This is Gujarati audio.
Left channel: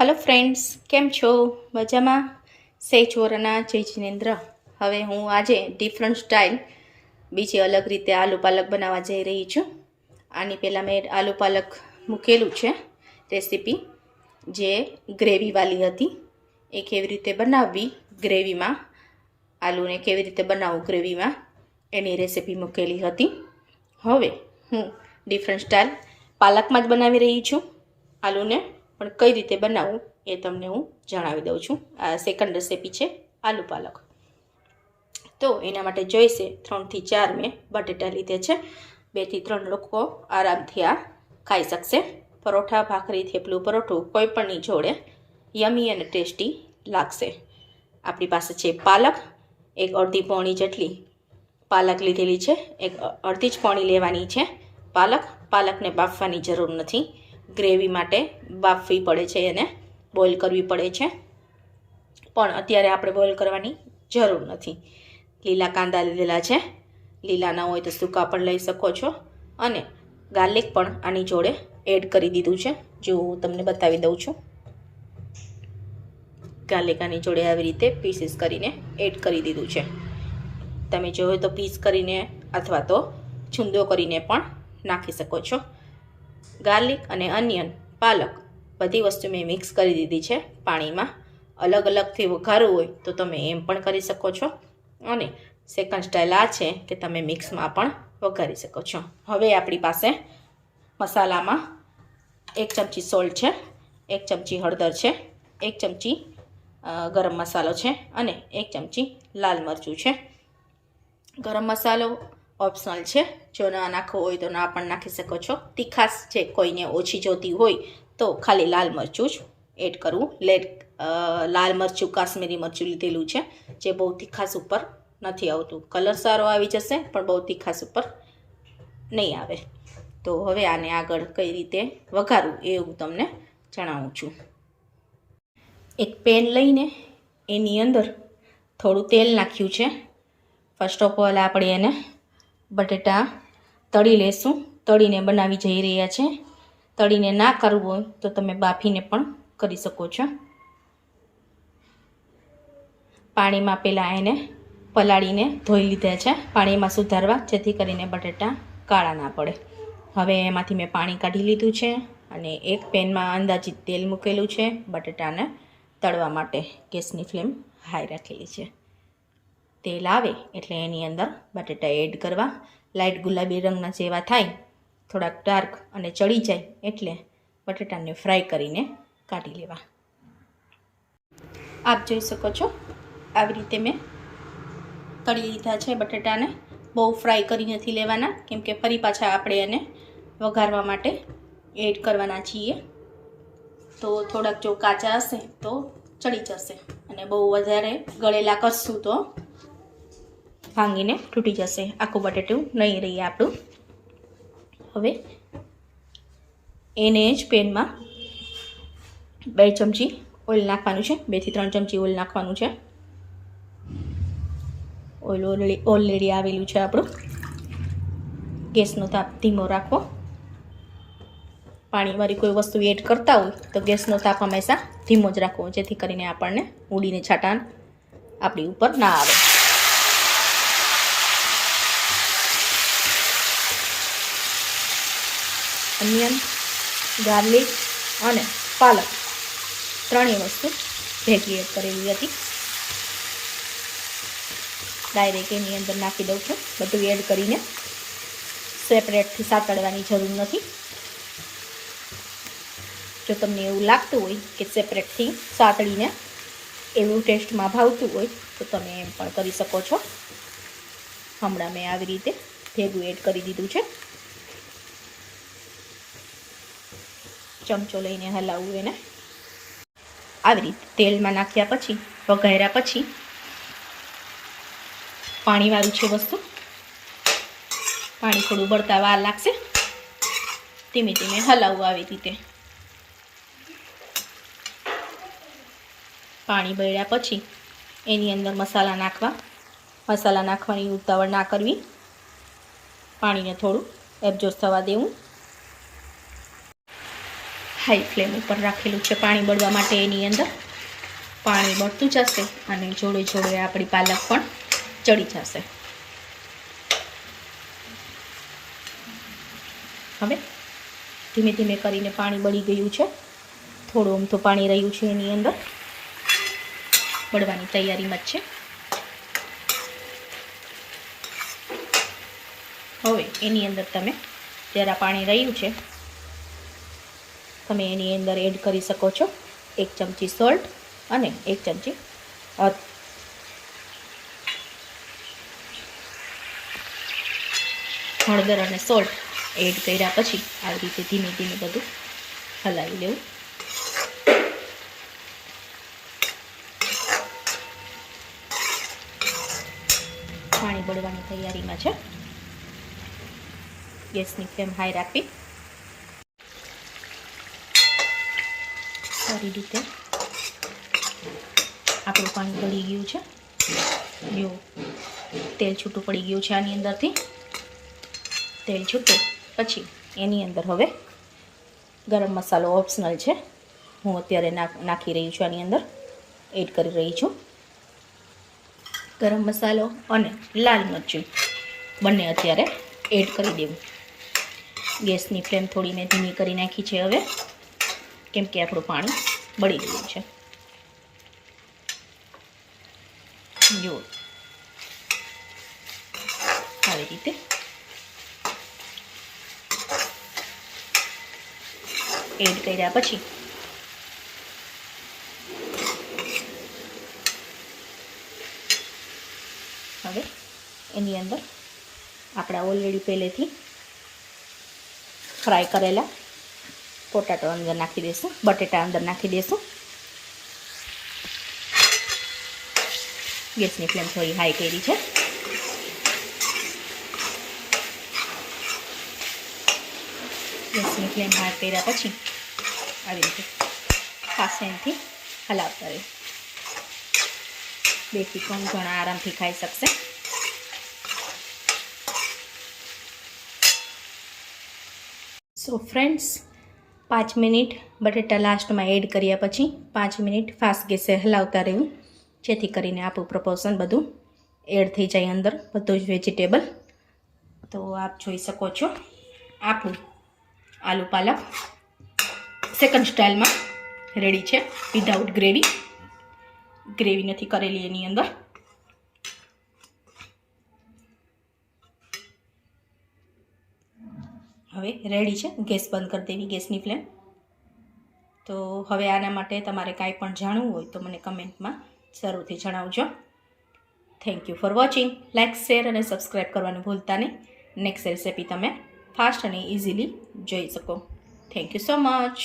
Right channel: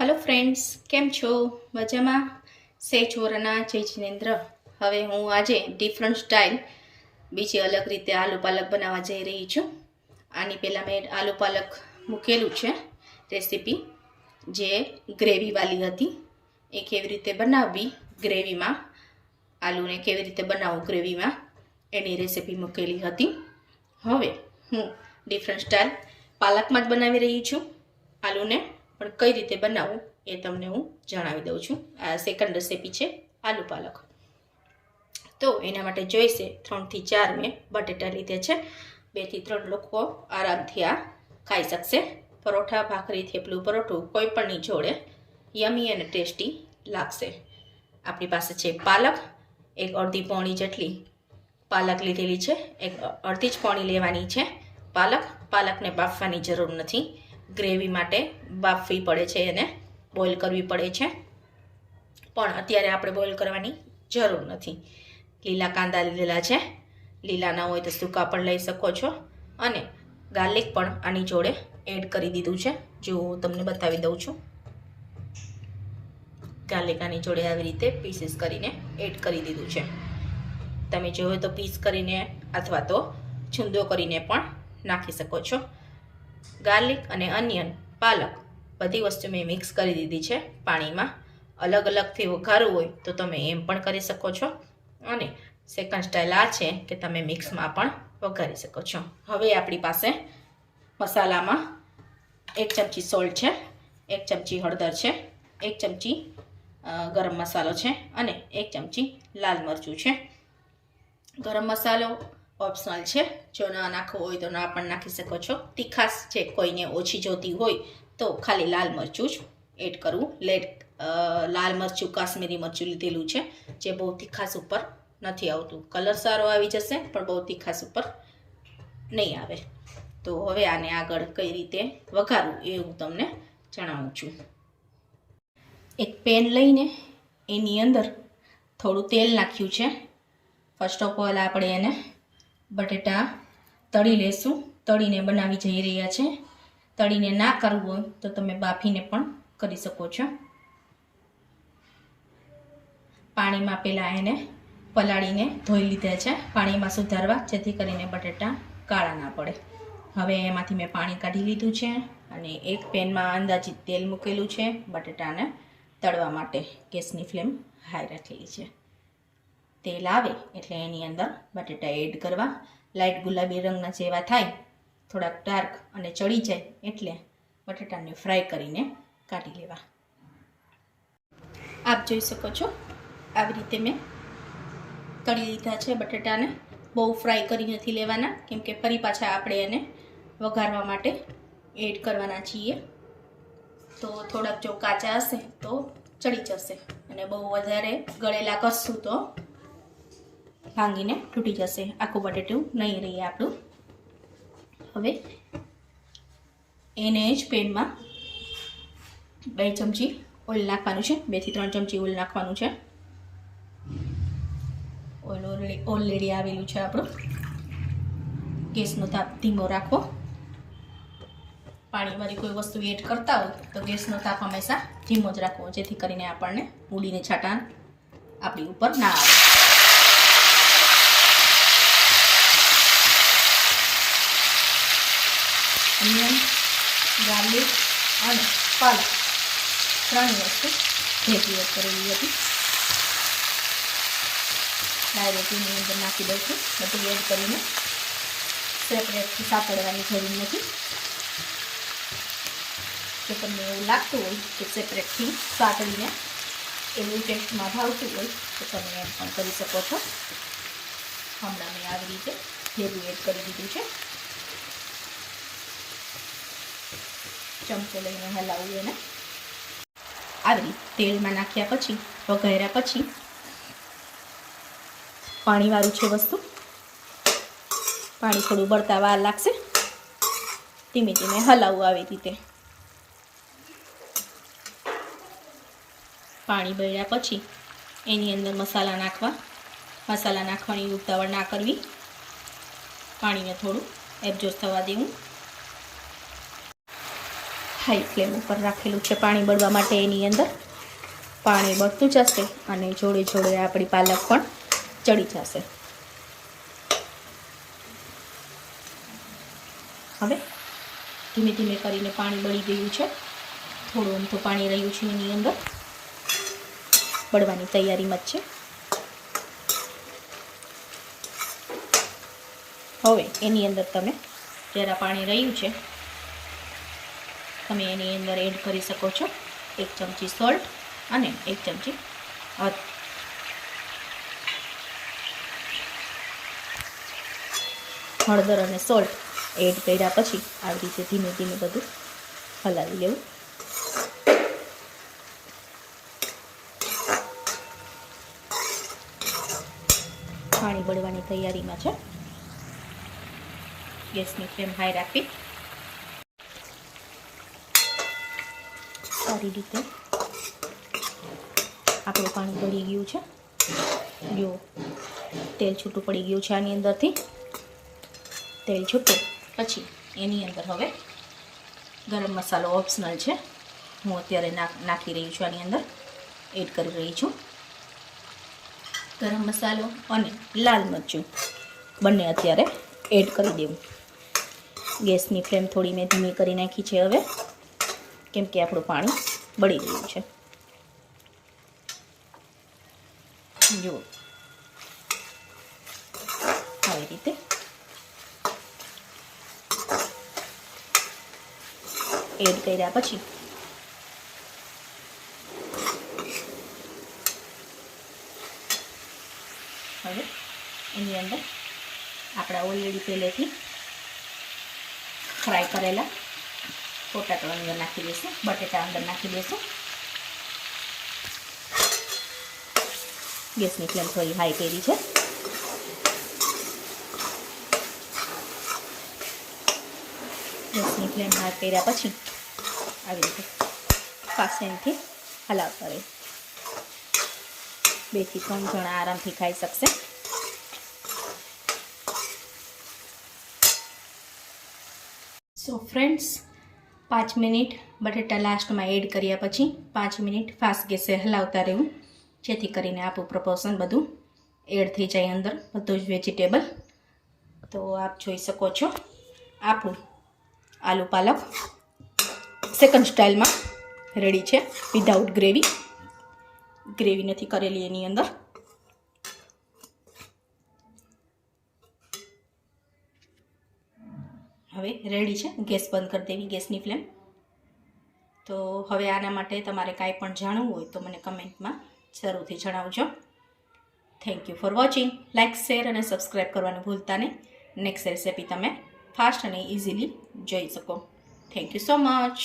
हेलो फ्रेंड्स, केम छो? मजामां? से छोराना जय जिनेन्द्र। हवे हूँ आज डिफरंट स्टाइल बीजी अलग रीते आलू पालक बनावा जई रही छूं। आनी पहला मैं आलू पालक मूकेलू छे रेसिपी जे ग्रेवी वाली हती। ए केवी रीते बनाववी ग्रेवी में, आलू ने केवी रीते बनावू ग्रेवी में, एनी रेसिपी मूकेली हती। हवे हूँ डिफरंट स्टाइल पालक में ज बनावी रही छूं। आलू ने पण कई रीते बनावू ए तमने हूँ जणावी दऊं छूं। आ सेकंड रेसिपी छे आलू पालक। तो एना माटे जोईशे 3 થી 4 मैं बटेटा लीधे छे। 2 થી 3 लोको आरामथी आ खाई शकशे। परोठा, भाखरी, थेपलू, परोठू कोई पण जोड़े यमी अने टेस्टी लागशे। आपणी पासे छे पालक, एक अर्धी पोणी जेटली पालक लीधेली छे। एक अर्धी ज पोणी लेवानी छे पालक। पालकने बाफवानी जरूर नथी, ग्रेवी माटे बाफवी पड़े छे अने बॉइल करवी पड़े छे, पण अत्यारे आपणे बॉइल करवानी जरूर नथी। लीला कांदा लीधेला छे, लीला न होय तो सूका पण लई शको छो। अने गार्लिक पण आनी जोड़े एड करी दीधुं छे। जो हूँ तमने बतावी दऊं छुं। गार्लिक आनी जोड़े आवी रीते पीसीस करीने एड करी दीधुं छे। तमे जोहो तो पीस करीने अथवा तो छूंदो करीने पण नाखी शको छो। गार्लिक अने अनियन, पालक बधी वस्तु मैं मिक्स करी दीधी छे पाणी में। अलग अलग थी वघारवुं होय तो तमे एम पण करी शको छो। अने सेकंड स्टाइल आ छे के तमे मिक्स में पण वघारी शको छो। हवे आपणी पासे मसाला में 1 चमची सोल्ट छे, 1 चमची हळदर छे, 1 चमची गरम मसालो छे अने 1 चमची लाल मरचुं छे। गरम मसालो ऑप्शनल है, जो ना नाखो होय तो ना पण नाखी शको छो। तीखास जे कोईने ओछी जोती होय तो खाली लाल मरचुं ज एड करवुं। लाल मरचुं काश्मीरी मरचुं लीधेलुं छे, जे बहु तीखास उपर नथी आवतुं। कलर सारो आवी जशे पण बहु तीखास उपर नहीं आवे। तो हवे आने आगळ कई रीते वघारवुं ए हुं तमने जणावुं छुं। एक पेन लईने एनी अंदर थोड़ुं तेल नाख्युं छे। फर्स्ट ऑफ ऑल आपणे एने बटेटा तળી लेशुं। तळीने बनावी जई रह्या छे। तळीने ना करवुं होय तो तमे बाफीने पण करी शको छो। पाणीमां पेला एने पलाळीने धोई लीधा छे, पाणीमां सुधारवा जेथी करीने बटेटा काळा ना पड़े। हवे एमांथी मैं पाणी काढी लीधुं छे अने एक पेनमां अंदाजित तेल मूकेलुं छे बटेटाने तळवा माटे। गैसनी फ्लेम हाई राखेली छे। तेल आवे एटले एनी अंदर बटेटा एड करवा। लाइट गुलाबी रंगना जेवा थाय, थोड़ा डार्क अने चढ़ी जाए एटले बटेटाने फ्राय करीने काढी लेवा। आप जोई शको छो આવી રીતે મેં તળી લીધા છે બટેટાને। બહુ ફ્રાય કરી નથી લેવાના, કેમ કે ફરી પાછા આપણે એને વઘારવા માટે એડ કરવાના છીએ। તો થોડાક જો કાચા હશે તો ચડી જશે અને બહુ વધારે ગળેલા કરશું તો ભાંગીને તૂટી જશે। આખું બટેટું નહીં રહે આપણું। હવે એને જ પેનમાં 2 ચમચી ઓઇલ નાખવાનું છે। 2 થી 3 ચમચી ઓઇલ નાખવાનું છે। ઓઇલ ઓલરેડી આવેલું છે આપણું। ગેસનો તાપ ધીમો રાખવો। પાણીવાળી કોઈ વસ્તુ એડ કરતા હોય તો ગેસનો તાપ હંમેશા ધીમો જ રાખવો, જેથી કરીને આપણને ઉડીને છાંટા આપણી ઉપર ના આવે। અનિયન, ગાર્લિક અને પાલક ત્રણેય વસ્તુ ભેગી એડ કરેલી હતી। डायरेक्ट एनी अंदर नाखी दઉં છું। બધું એડ કરીને સેપરેટથી સાતળવાની જરૂર નથી। જો તમને એવું લાગતું હોય કે સેપરેટથી સાતળીને એવું ટેસ્ટમાં ભાવતું હોય તો તમે એમ પણ કરી શકો છો। હમણાં મેં આવી રીતે ભેગું એડ કરી દીધું છે। ચમચો લઈને હલાવવું એને। આવી રીતે તેલમાં નાખ્યા પછી વઘાર્યા પછી પાણીવાળું છે વસ્તુ, પાણી થોડું બળતા વાર લાગશે। ધીમે ધીમે હલાવવું આવી રીતે। પાણી બળ્યા પછી એની અંદર મસાલા નાખવા। મસાલા નાખવાની ઉતાવળ ના કરવી, પાણીને થોડું એબ્ઝોર્બ થવા દેવું। હાઈ ફ્લેમ ઉપર રાખેલું છે પાણી બળવા માટે. એની અંદર પાણી બળતું જશે અને જોડે જોડે આપણી પાલક પણ ચડી જશે. હવે ધીમે ધીમે કરીને પાણી બળી ગયું છે. થોડું અમથું પાણી રહ્યું છે એની અંદર, બળવાની તૈયારીમાં જ છે. હવે એની અંદર તમે જરા પાણી રહ્યું છે તમે એની અંદર એડ કરી શકો છો 1 ચમચી સોલ્ટ અને 1 ચમચી હળદર અને સોલ્ટ એડ કર્યા પછી આવી રીતે ધીમે ધીમે બધું હલાવી લેવું. પાણી બળવાની તૈયારીમાં છે. ગેસની ફ્લેમ હાઈ રાખવી. સારી રીતે આપણું પાણી બળી ગયું છે. જો તેલ છૂટું પડી ગયું છે આની અંદરથી. તેલ છૂટે પછી એની અંદર હવે ગરમ મસાલો ઓપ્શનલ છે, હું અત્યારે નાખી રહી છું. આની અંદર એડ કરી રહી છું. ગરમ મસાલો અને લાલ મરચું બંને અત્યારે એડ કરી દેવું. ગેસની ફ્લેમ થોડી મેં ધીમી કરી નાખી છે હવે, કેમ કે આપણું પાણી બળી ગયું છે. જુઓ આવી રીતે એડ કર્યા પછી હવે એની અંદર આપણા ઓલરેડી પહેલેથી ફ્રાય કરેલા પોટાટો અંદર નાખી દઈશું, બટેટા અંદર નાખી દઈશું. ગેસની ફ્લેમ થોડી હાઈ કરી છે. ગેસની ફ્લેમ હાઈ કર્યા પછી આવી રીતે ફાસ્ટથી હલાવતા રહે. 2 થી 3 જણા આરામથી ખાઈ શકશે. સો ફ્રેન્ડ્સ, 5 મિનિટ બટેટા લાસ્ટમાં એડ કર્યા પછી 5 મિનિટ ફાસ્ટ ગેસે હલાવતા રહેવું, જેથી કરીને આપણું પ્રપોર્શન બધું એડ થઈ જાય અંદર, બધું જ વેજીટેબલ. તો આપ જોઈ શકો છો આપણું આલુ પાલક સેકન્ડ સ્ટાઇલમાં રેડી છે, વિધાઉટ ગ્રેવી. ગ્રેવી નથી કરેલી એની અંદર. હવે રેડી છે. ગેસ બંધ કરી દેવી, ગેસની ફ્લેમ. તો હવે આના માટે તમારે કાંઈ પણ જાણવું હોય તો મને કમેન્ટમાં જરૂરથી જણાવજો. Thank you for watching. Like, share અને સબસ્ક્રાઈબ કરવાનું ભૂલતા નહીં. નેક્સ્ટ રેસિપી તમે ફાસ્ટ અને ઇઝીલી જોઈ શકો. Thank you so much.